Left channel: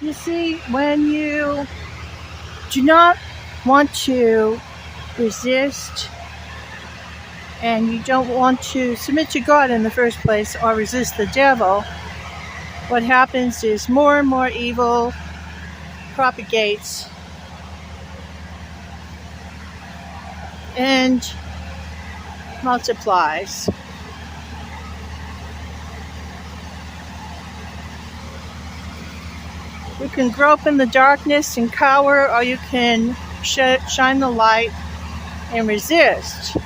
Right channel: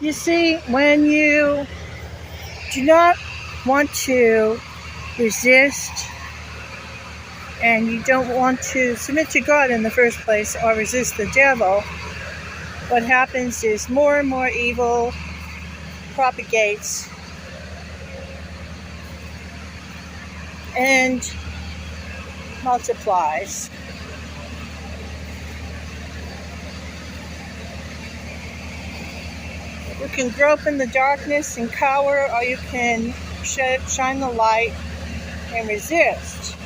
You see, when you do not want to resist and you don't want to submit to God in the first place or resist the devil, what happens is more and more evil propagates and multiplies. You can grope in the darkness and cower, or you can shine the light and resist.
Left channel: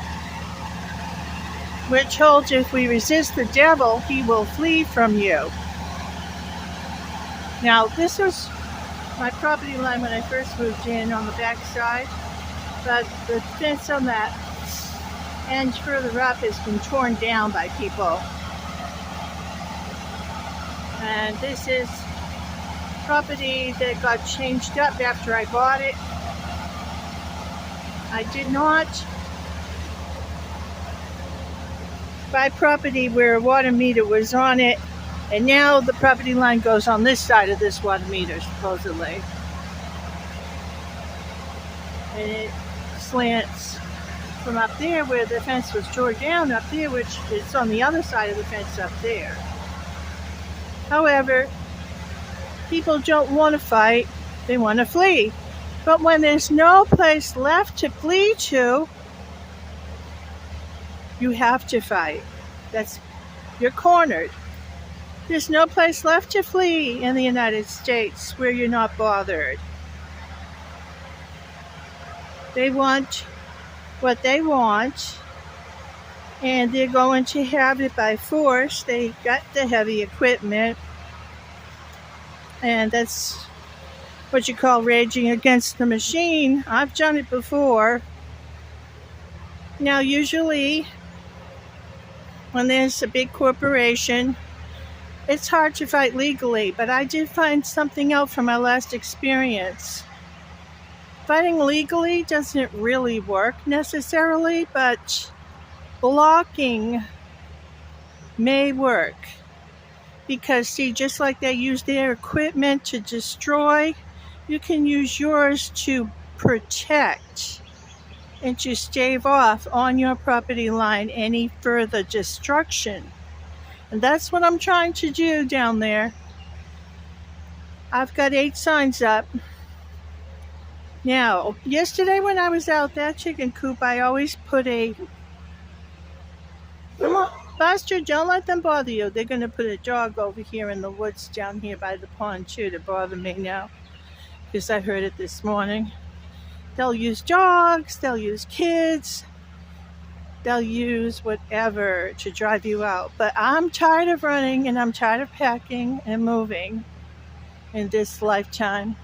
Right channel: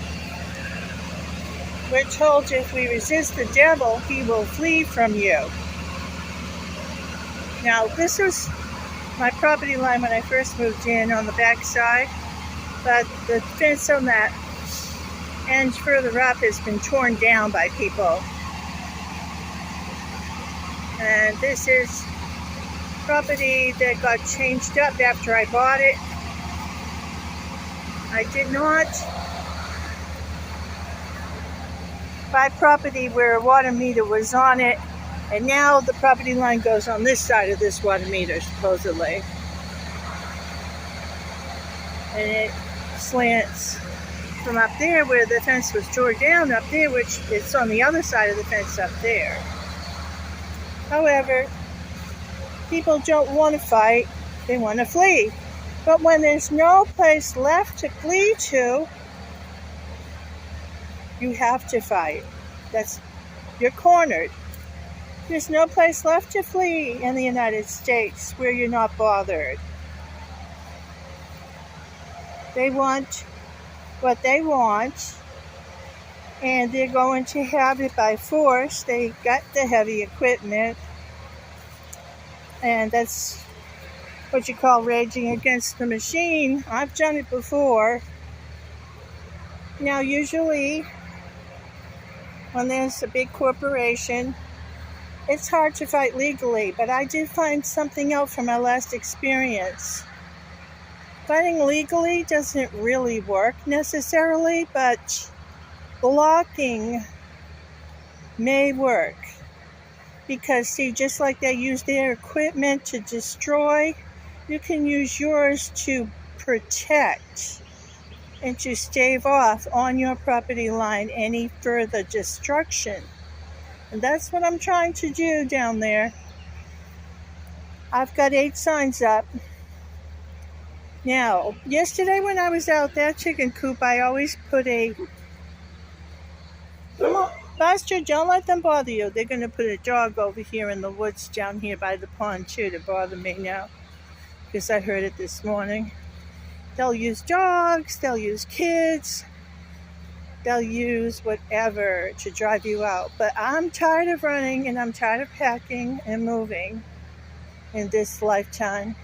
We're told if we resist the devil, he will flee from you. Now, this was my property line when I first moved in on the back side, but the fence on that end further up has been torn down by people. And this is property that got changed up after I bought it. I did not buy property where a water meter was on it, and now the property line goes on this side of this water meter, supposedly. And it slants from up there where the fence was torn down up there, which is on the other side of the fence up there. However, people don't want to fight, they want to flee. But when there's no place left to flee to, you have to fight. You're cornered. There's no place left to flee in the United States where you're not bothered. They want what they want, and they're going to have it by force. They got the heavy equipment, and that's what you call raging against the machine. I've done it before. Now, usually, when there's a big corporation, it's hard to fight legally, but I did find something out from my last experience. Fighting legally doesn't really work necessarily, but blocking may work. Because, see, just like they use their equipment to destroy, you can use yours to protect and to stave off on your property line any further destruction. And that's what I'm trying to do down there. I've got 8 signs up. Now, yesterday when I was out that chicken coop, I always put a... Come on, Buster, don't let them bother you. They're going to put a dog over here in the woods down here by the pond too to bother me now, because I heard it this morning. They'll use dogs, they'll use kids, they'll use whatever to drive you out. But I'm tired of running, and I'm tired of packing and moving in this lifetime.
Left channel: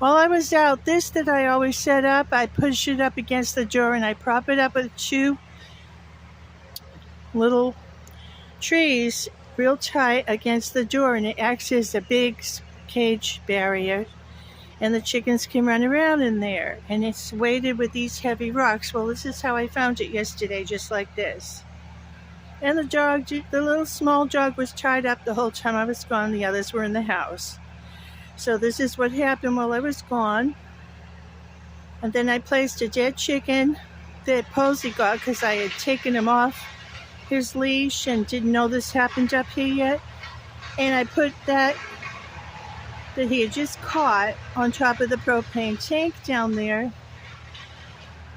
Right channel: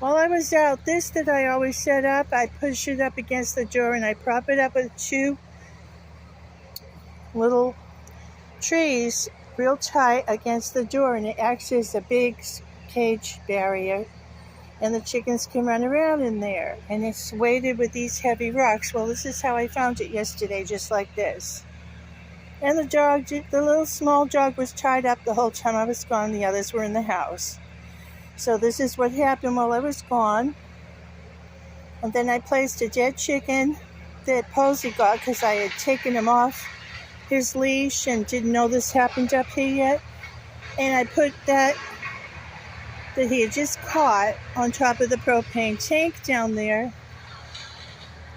While I was out, this that I always set up, I push it up against the door and I prop it up with 2 little trees real tight against the door, and it acts as a big cage barrier, and the chickens can run around in there, and it's weighted with these heavy rocks. Well, this is how I found it yesterday, just like this. And the little small dog was tied up the whole time I was gone. The others were in the house. So this is what happened while I was gone. And then I placed a dead chicken that Posey got because I had taken him off his leash and didn't know this happened up here yet. And I put that he had just caught on top of the propane tank down there.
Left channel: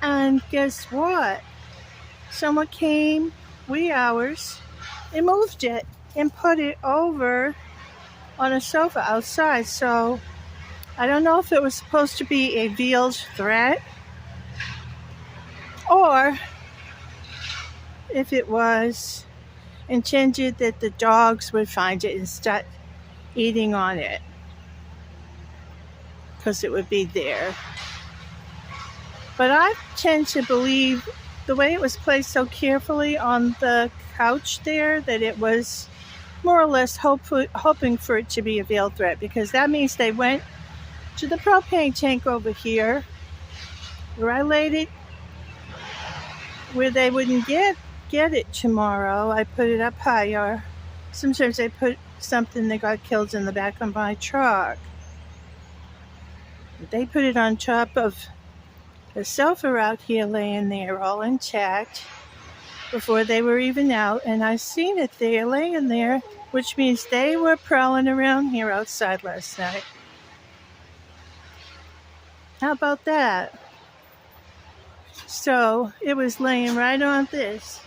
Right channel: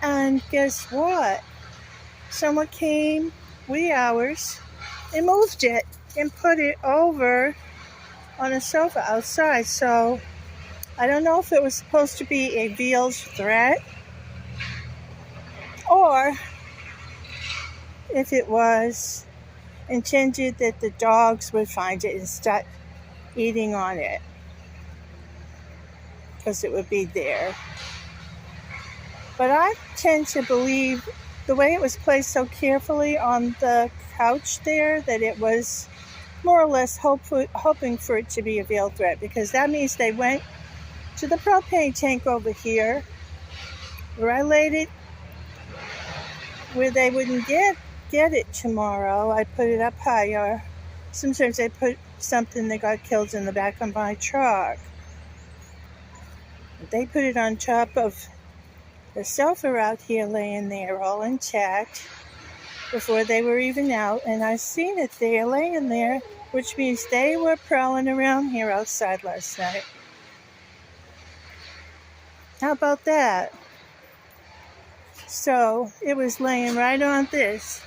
And guess what? Someone came, wee hours, and moved it and put it over on a sofa outside. So I don't know if it was supposed to be a veiled threat or if it was intended that the dogs would find it and start eating on it, because it would be there. But I tend to believe the way it was placed so carefully on the couch there that it was more or less hoping for it to be a veiled threat, because that means they went to the propane tank over here where I laid it, where they wouldn't get it tomorrow. I put it up higher. Sometimes I put something that got killed in the back of my truck. They put it on top of the sofa out here laying there all intact before they were even out, and I seen it there laying there, which means they were prowling around here outside last night. How about that? So it was laying right on this.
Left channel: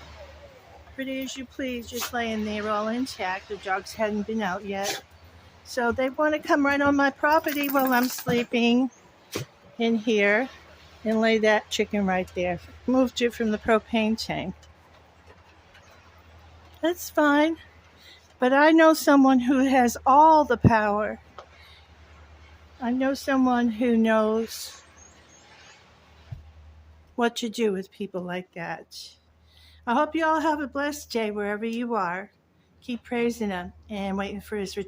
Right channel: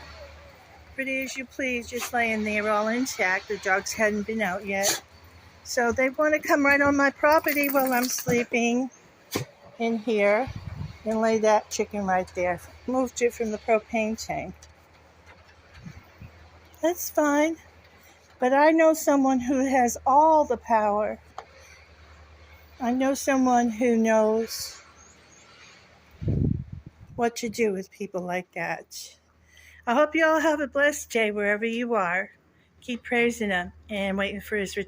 Pretty as you please, just laying there all intact. The dogs hadn't been out yet. So they want to come right on my property while I'm sleeping in here and lay that chicken right there. Moved it from the propane tank. That's fine. But I know someone who has all the power. I know someone who knows what to do with people like that. I hope you all have a blessed day wherever you are. Keep praising Him and waiting for His return.